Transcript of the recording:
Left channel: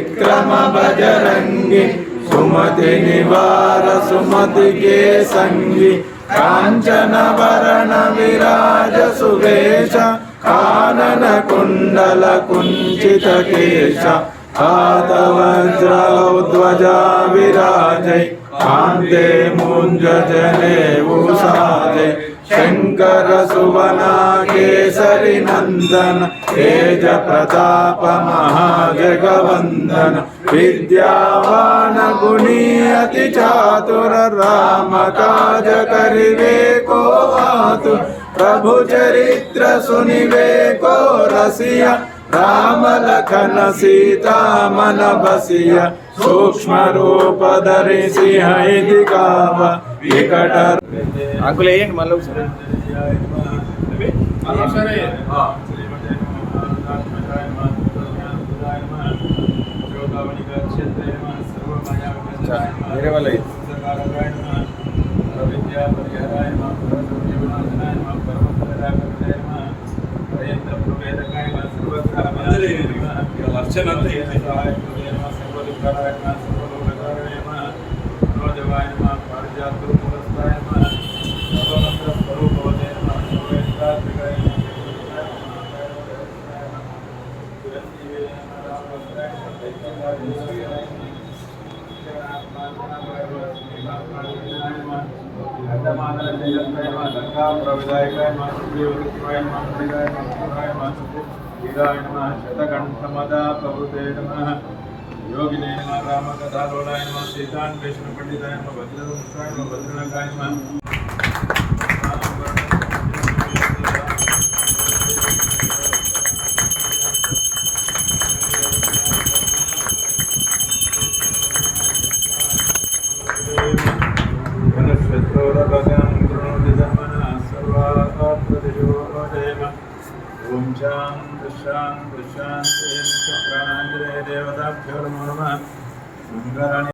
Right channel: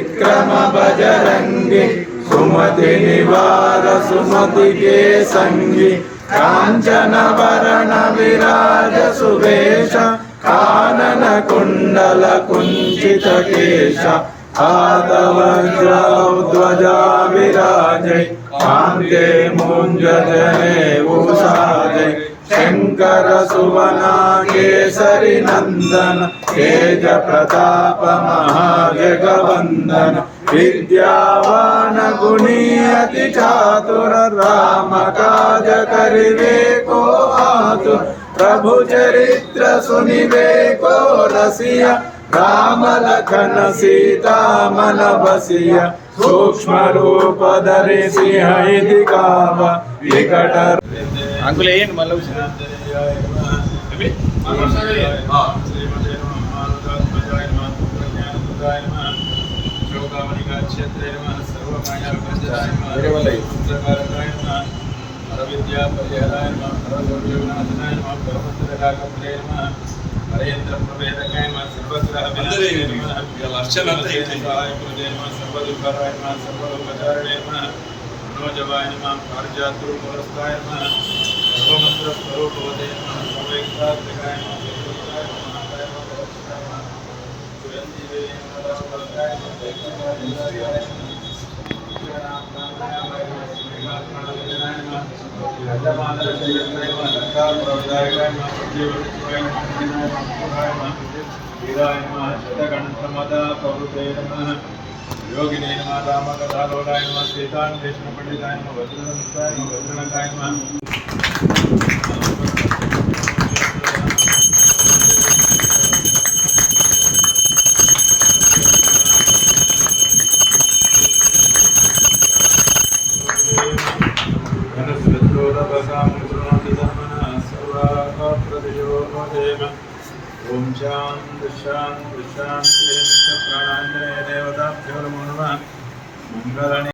विक्रम बजरंगी सुमति निवार सुमति के संगी कांचन वरण विराज सुवेश कानन कुंडल कुंचित केश ध्वजा विराजय कांते मुंज जनेऊ साजय शंकर सुवना केसरी नंदन तेज प्रताप महाजगवंदन विद्यावान गुणी अति चातुर राम काज करिवे को आतुर प्रभु चरित्र सुनिवे को रसिया राम लखन सीता मन बसिया सूक्ष्म रूप धरि सिंह दिखावा विकट अंकुल मल्ल विद्या परिहराय नमः सर्वसौख्य विनाशनाय नमः परमसुररागत्रे नमः हरेन्द्र प्रभेदकाय नमः सर्वग्रह विनाशाय नमः अर्चनाय नमः सर्वदुःखराय नमः सर्वलोकचारिणे नमः मनोजवाय नमः पारिजातरूपवरस्ताय नमः सर्वमंत्र स्वरूपवते नमः सर्वेन्द्रात्मिकाय नमः योगिने नमः रामकथालोलाय नमः सीतान्वेषण पंडिताय नमः वज्रधनुष्ठाय नमः वज्रनखाय नमः ओम शांति शांति शांति प्राणांजलि देवताभ्यो नमः मंगलानि